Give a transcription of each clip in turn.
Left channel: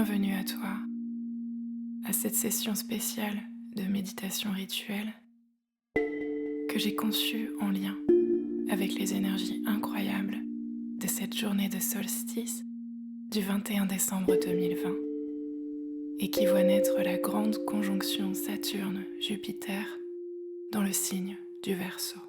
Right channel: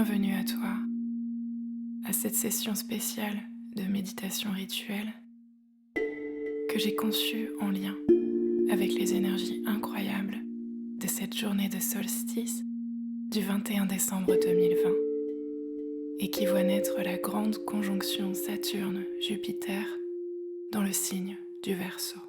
Bienvenue à toi, à cette session spéciale de méditation rituelle que j'ai conçue en lien avec les énergies incroyables de cette journée de solstice du 21 décembre 2020 et qui voit naître la grande conjonction Saturne-Jupiter dans le signe du Verseau.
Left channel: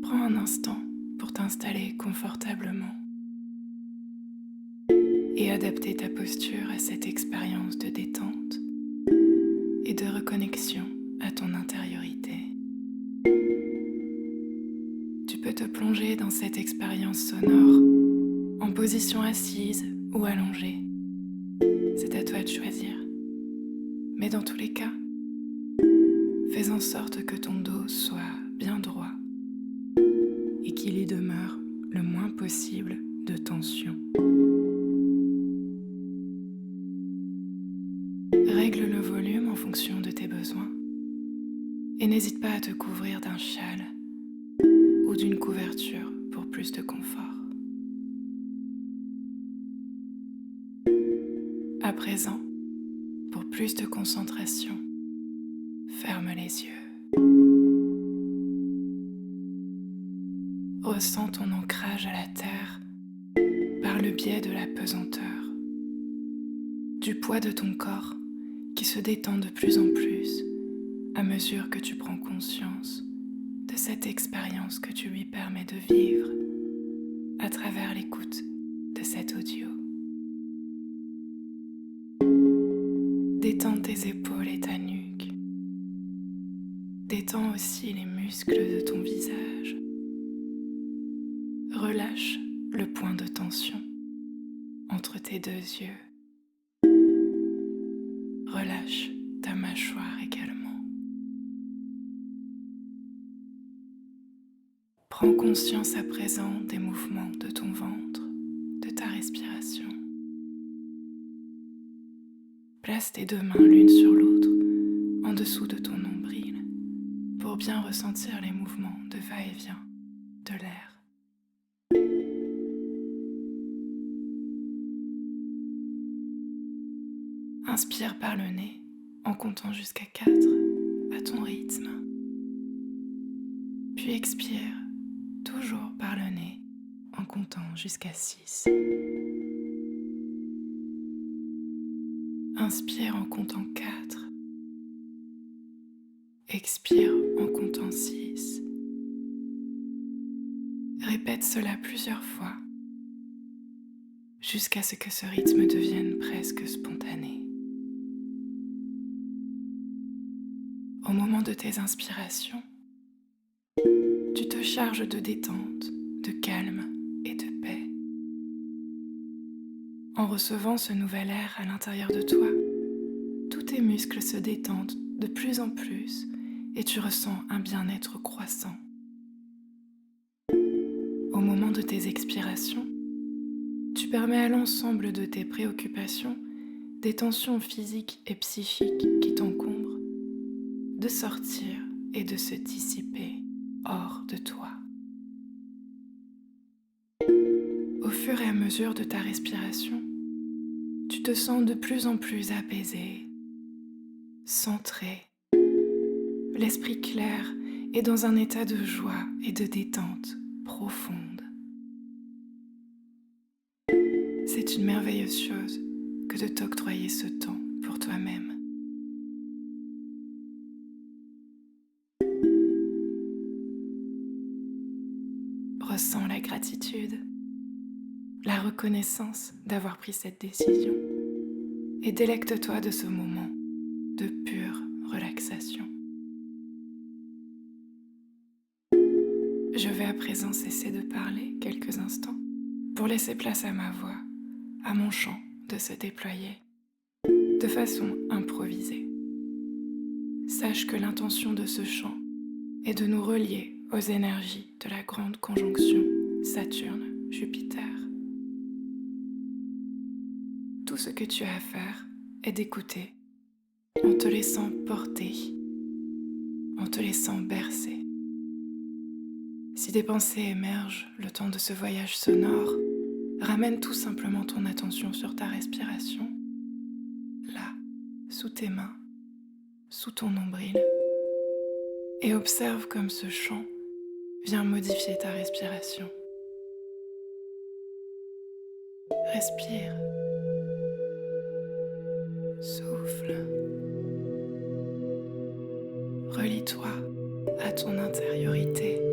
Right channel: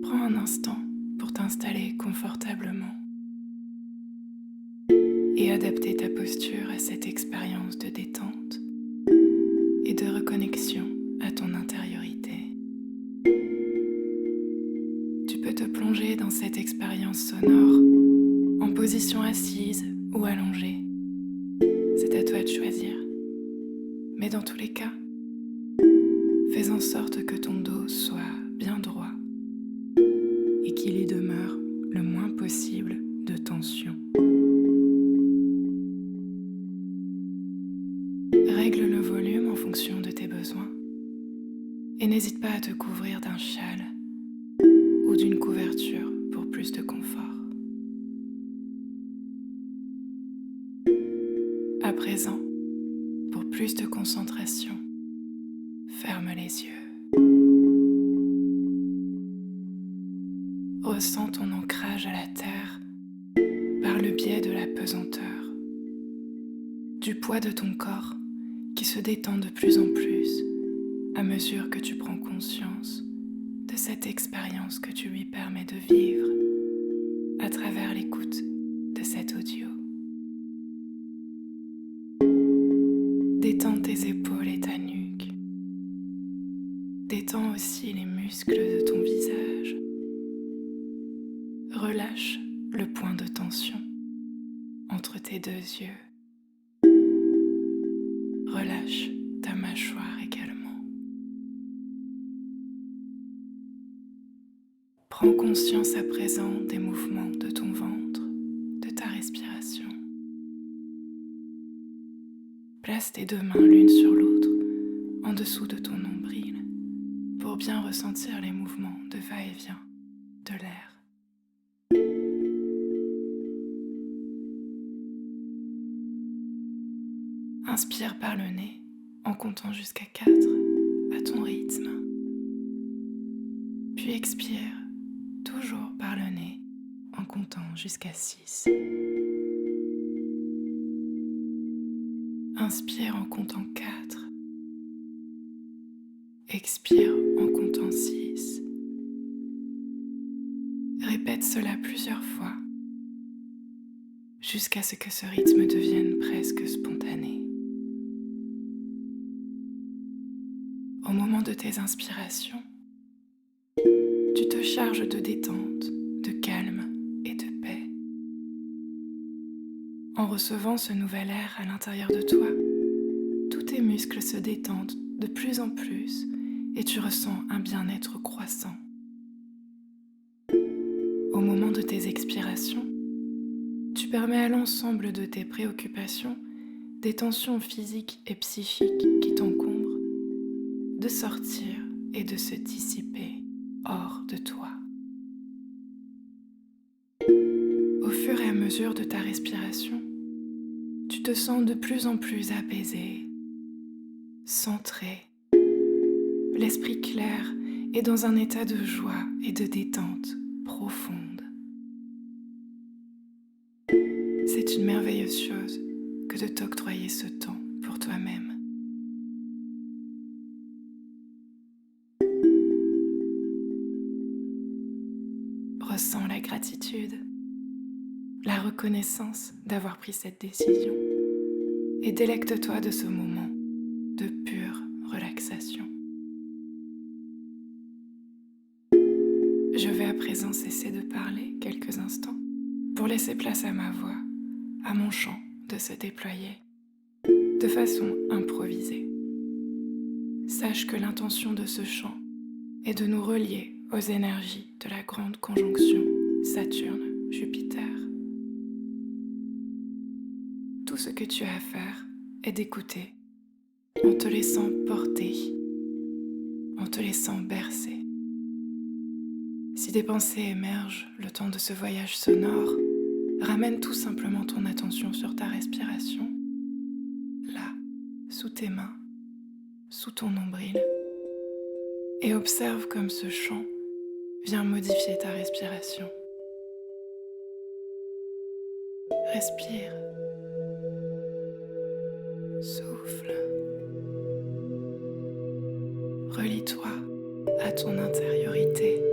Prends un instant pour t'installer confortablement et adapter ta posture à cette expérience de détente et de reconnexion à ton intériorité. Tu peux te plonger dans cette expérience sonore en position assise ou allongée. C'est à toi de choisir. Mais dans tous les cas, fais en sorte que ton dos soit bien droit et qu'il y demeure le moins possible de tension. Règle le volume en fonction de tes besoins et n'hésite pas à te couvrir d'un châle ou d'une couverture pour plus de confort. À présent, pour plus de concentration, ferme les yeux. Ressens ton ancrage à la terre par le biais de la pesanteur, du poids de ton corps qui se détend de plus en plus à mesure que tu prends conscience de cette expérience que tu lui permets de vivre à travers l'écoute de cet audio. Détends tes épaules et ta nuque. Détends aussi les muscles de ton visage. Relâche le point de tension entre tes deux yeux. Relâche ta mâchoire également. Prends conscience à présent des mouvements de ton ventre, de ta respiration. Place tes deux mains l'une sur l'autre en dessous de ton nombril pour bien ressentir les mouvements de va-et-vient de l'air. Inspire par le nez en comptant jusqu'à 4 à ton rythme. Puis expire toujours par le nez en comptant jusqu'à 6. Inspire en comptant 4. Expire en comptant 6. Répète cela plusieurs fois jusqu'à ce que ce rythme devienne presque spontané. Au moment de tes inspirations, tu te charges de détente, de calme et de paix. En recevant ce nouvel air à l'intérieur de toi, tous tes muscles se détendent de plus en plus et tu ressens un bien-être croissant. Au moment de tes expirations, tu permets à l'ensemble de tes préoccupations, des tensions physiques et psychiques qui t'encombrent, de sortir et de se dissiper hors de toi. Au fur et à mesure de ta respiration, tu te sens de plus en plus apaisé, centré, l'esprit clair et dans un état de joie et de détente profonde. C'est une merveilleuse chose que de t'octroyer ce temps pour toi-même. Ressens la gratitude, la reconnaissance d'avoir pris cette décision et délecte-toi de ce moment de pure relaxation. Je vais à présent cesser de parler quelques instants pour laisser place à ma voix, à mon chant de se déployer de façon improvisée. Sache que l'intention de ce chant est de nous relier aux énergies de la grande conjonction Saturne-Jupiter. Tout ce que tu as à faire est d'écouter en te laissant porter, en te laissant bercer. Si des pensées émergent le temps de ce voyage sonore, Ramène tout simplement ton attention sur ta respiration, là, sous tes mains, sous ton nombril, et observe comme ce chant vient modifier ta respiration. Respire, souffle, relie-toi à ton intériorité.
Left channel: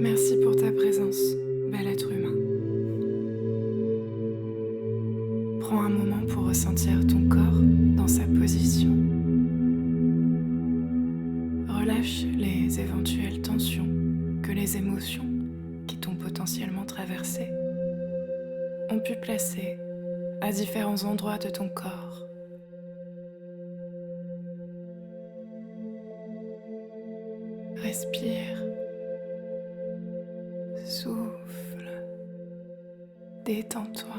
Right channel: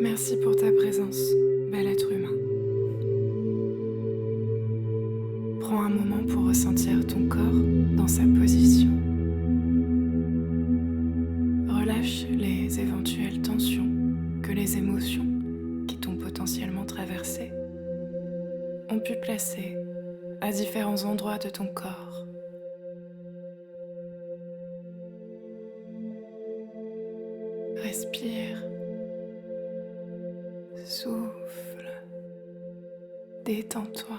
Merci pour ta présence, bel être humain. Prends un moment pour ressentir ton corps dans sa position. Relâche les éventuelles tensions que les émotions qui t'ont potentiellement traversé ont pu placer à différents endroits de ton corps. Respire, souffle, détends-toi.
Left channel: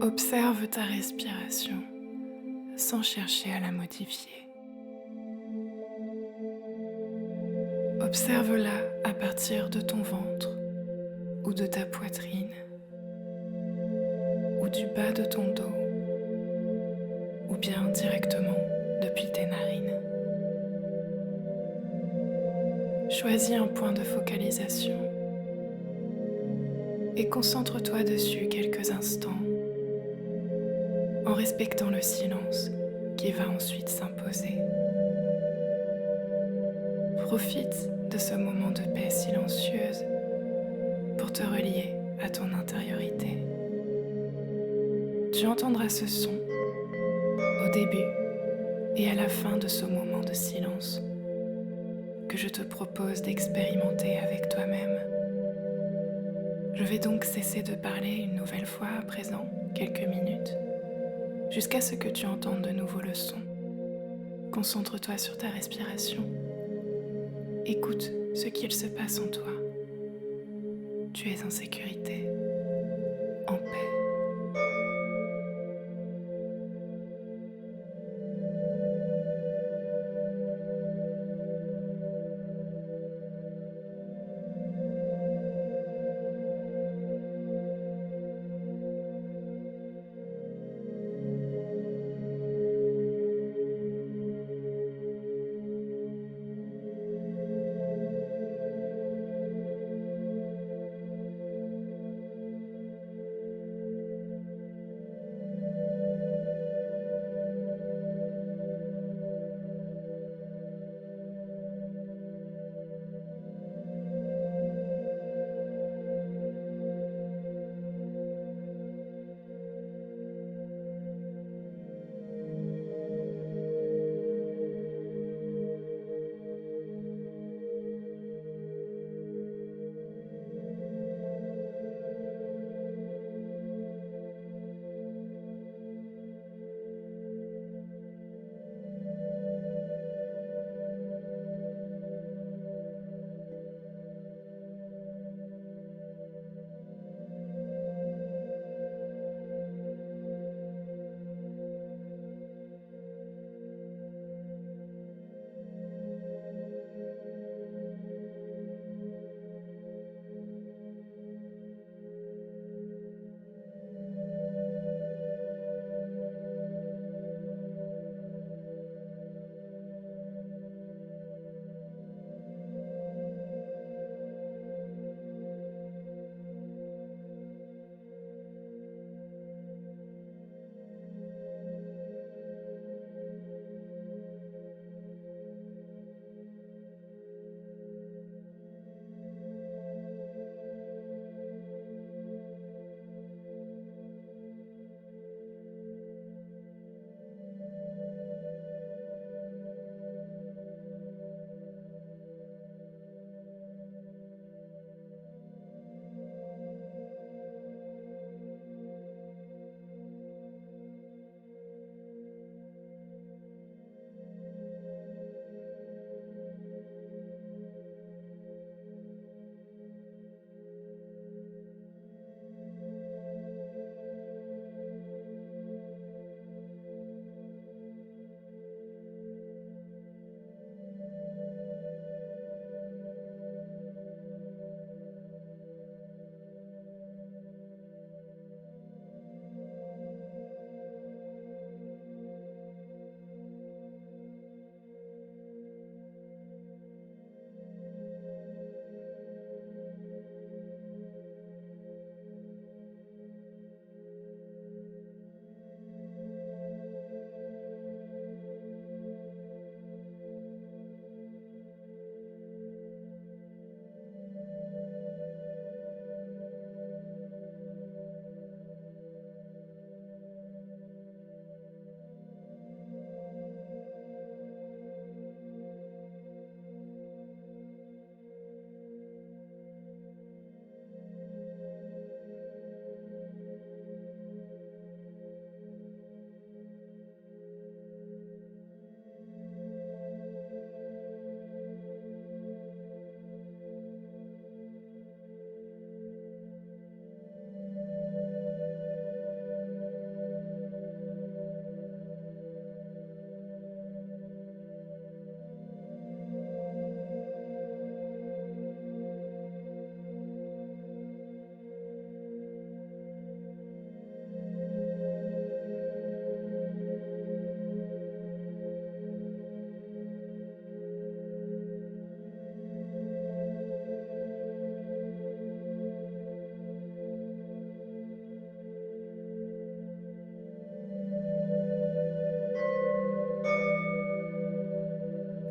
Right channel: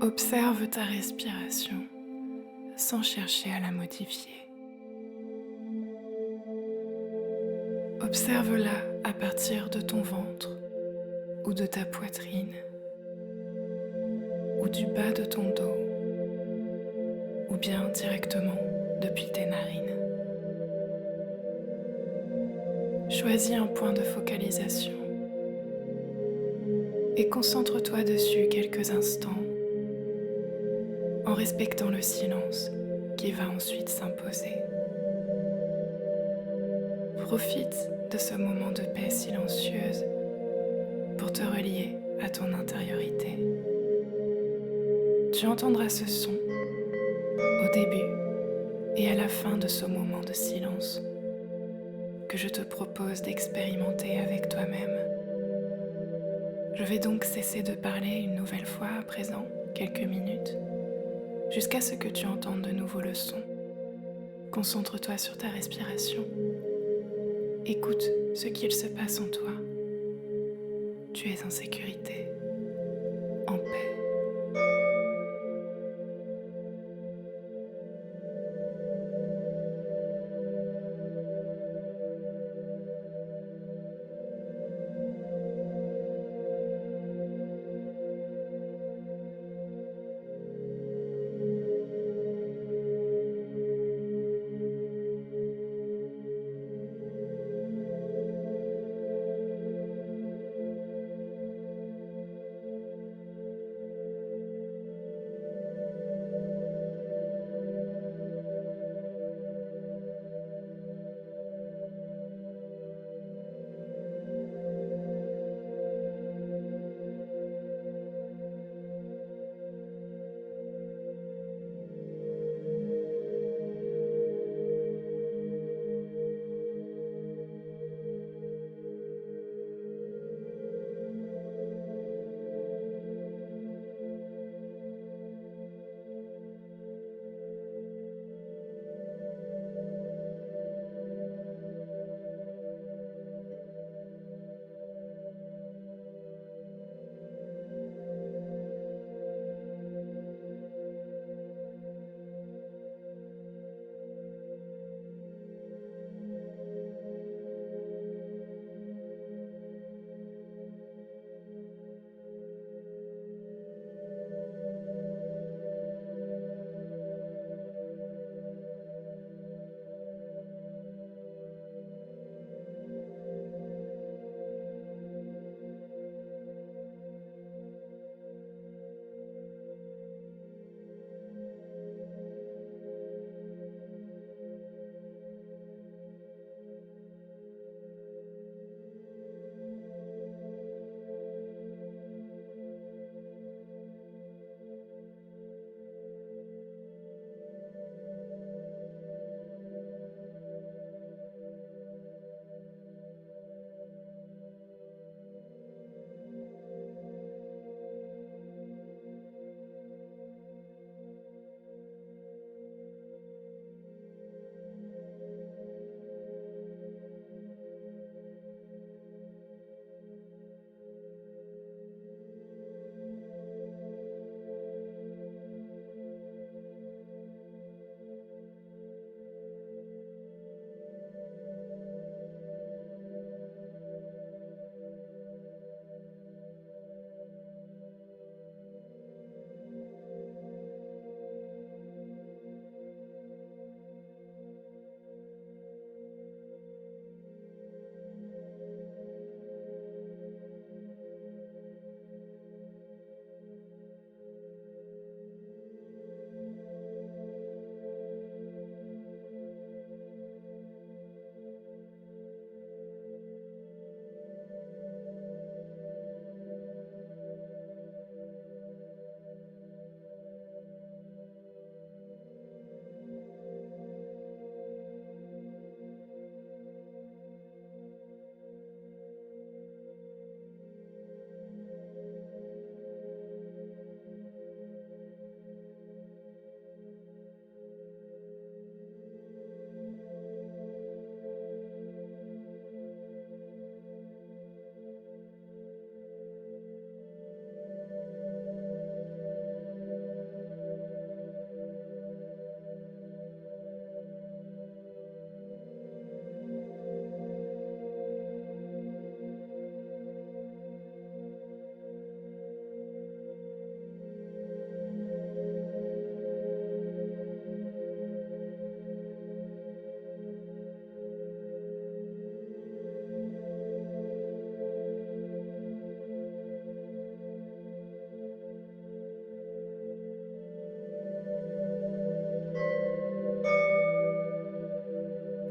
Observe ta respiration sans chercher à la modifier. Observe-la à partir de ton ventre ou de ta poitrine ou du bas de ton dos ou bien directement depuis tes narines. Choisis un point de focalisation et concentre-toi dessus quelques instants en respectant le silence qui va ensuite s'imposer. Profite de ce moment de paix silencieuse pour te relier à ton intériorité. Tu entendras ce son au début et à la fin de ce moment de silence que je te propose d'expérimenter avec toi-même. Je vais donc cesser de parler une nouvelle fois à présent, quelques minutes, jusqu'à ce que tu entendes de nouveau le son. Concentre-toi sur ta respiration. Écoute ce qu'il se passe en toi. Tu es en sécurité, en paix.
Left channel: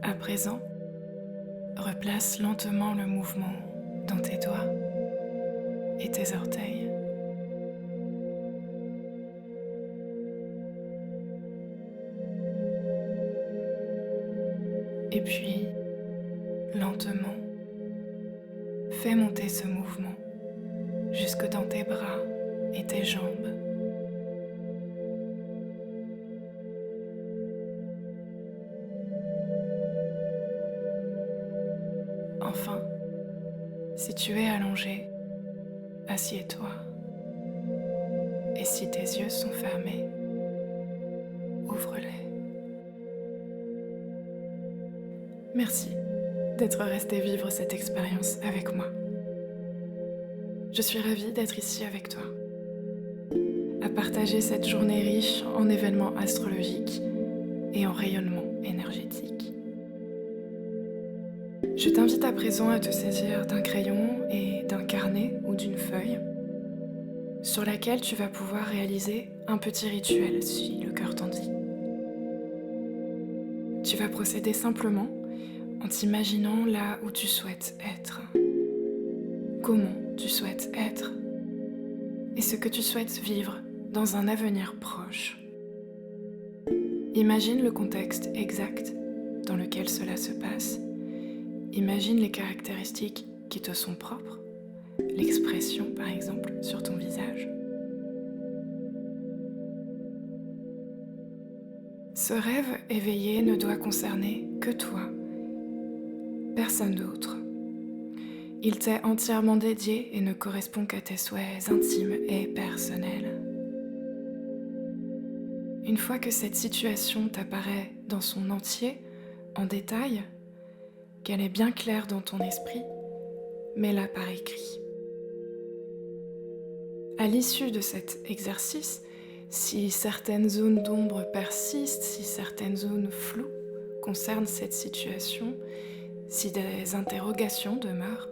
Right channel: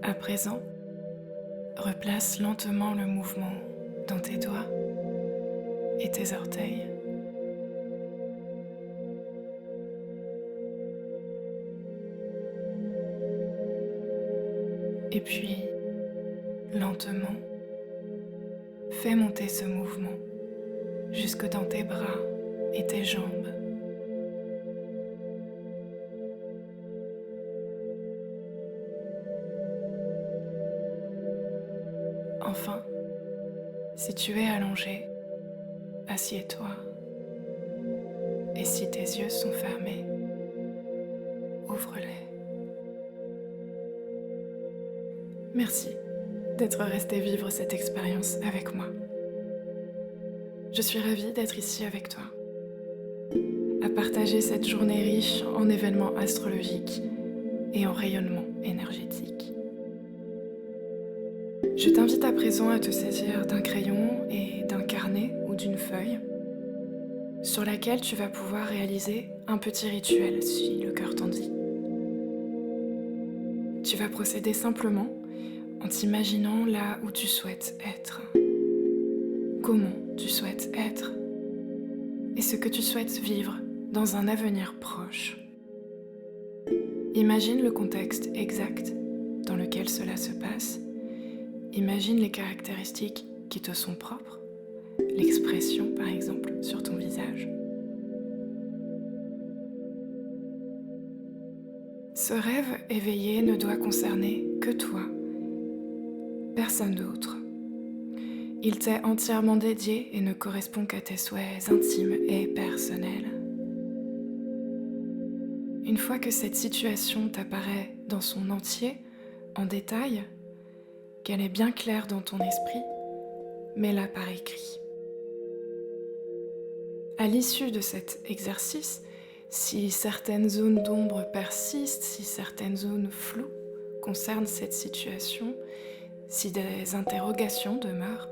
À présent, replace lentement le mouvement dans tes doigts et tes orteils. Et puis, lentement, fais monter ce mouvement jusque dans tes bras et tes jambes. Enfin, si tu es allongé, assieds-toi. Et si tes yeux sont fermés, ouvre-les. Merci d'être resté vivre cette expérience avec moi. Je suis ravie d'être ici avec toi, à partager cette journée riche en événements astrologiques et en rayonnement énergétique. Je t'invite à présent à te saisir d'un crayon et d'un carnet ou d'une feuille sur laquelle tu vas pouvoir réaliser un petit rituel si le cœur t'en dit. Tu vas procéder simplement en t'imaginant là où tu souhaites être, comment tu souhaites être et ce que tu souhaites vivre dans un avenir proche. Imagine le contexte exact dans lequel cela se passe. Imagine les caractéristiques qui te sont propres, l'expression par exemple sur ton visage. Ce rêve éveillé ne doit concerner que toi, personne d'autre. Il t'est entièrement dédié et ne correspond qu'à tes souhaits intimes et personnels. Une fois que cette situation t'apparaît dans son entier, en détail, qu'elle est bien claire dans ton esprit, mets-la par écrit. À l'issue de cet exercice, si certaines zones d'ombre persistent, si certaines zones floues concernent cette situation, si des interrogations demeurent,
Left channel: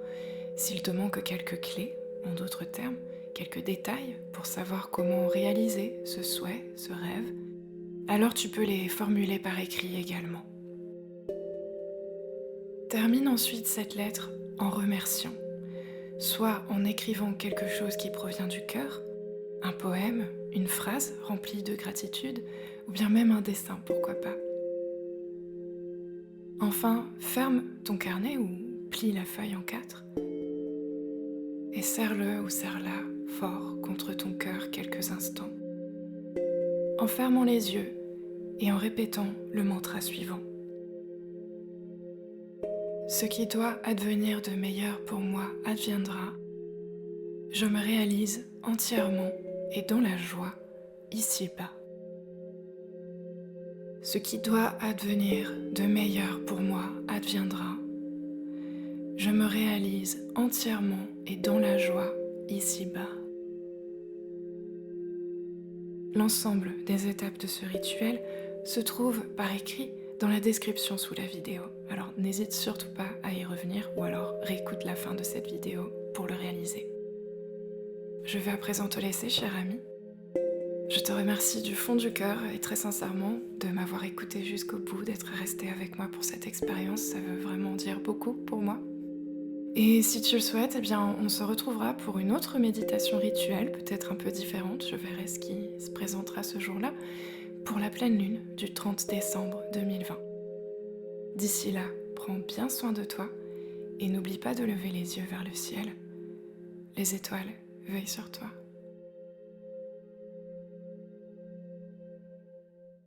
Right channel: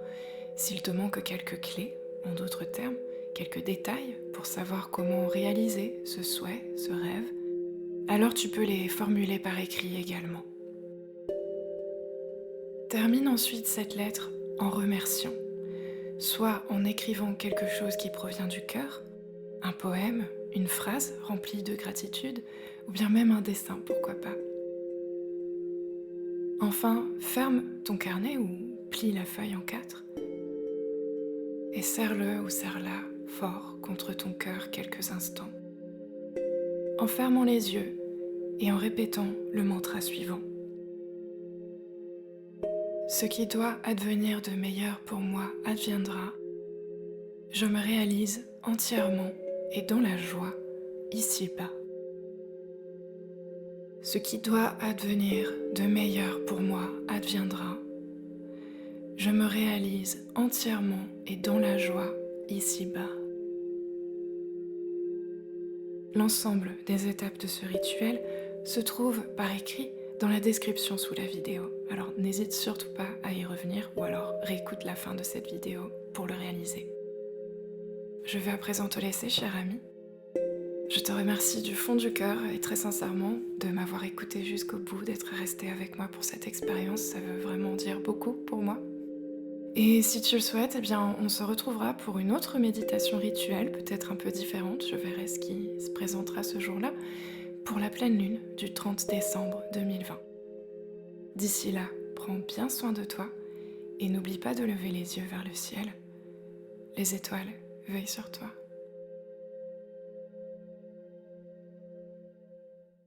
s'il te manque quelques clés, en d'autres termes, quelques détails pour savoir comment réaliser ce souhait, ce rêve, alors tu peux les formuler par écrit également. Termine ensuite cette lettre en remerciant, soit en écrivant quelque chose qui provient du cœur, un poème, une phrase remplie de gratitude, ou bien même un dessin, pourquoi pas. Enfin, ferme ton carnet ou plie la feuille en 4 et serre-le ou serre-la fort contre ton cœur quelques instants, en fermant les yeux et en répétant le mantra suivant. Ce qui doit advenir de meilleur pour moi adviendra. Je me réalise entièrement et dans la joie ici-bas. Ce qui doit advenir de meilleur pour moi adviendra. Je me réalise entièrement et dans la joie ici-bas. L'ensemble des étapes de ce rituel se trouve par écrit dans la description sous la vidéo. Alors n'hésite surtout pas à y revenir ou alors réécoute la fin de cette vidéo pour le réaliser. Je vais à présent te laisser, cher ami. Je te remercie du fond du cœur et très sincèrement de m'avoir écouté jusqu'au bout, d'être resté avec moi pour cette expérience. Ça veut vraiment dire beaucoup pour moi. Et si tu le souhaites, eh bien, on se retrouvera pour une autre méditation rituelle, peut-être un peu différente. Je verrai ce qui se présentera ce jour-là, pour la pleine lune du 30 décembre 2020. D'ici là, prends bien soin de toi et n'oublie pas de lever les yeux vers le ciel. Les étoiles veillent sur toi.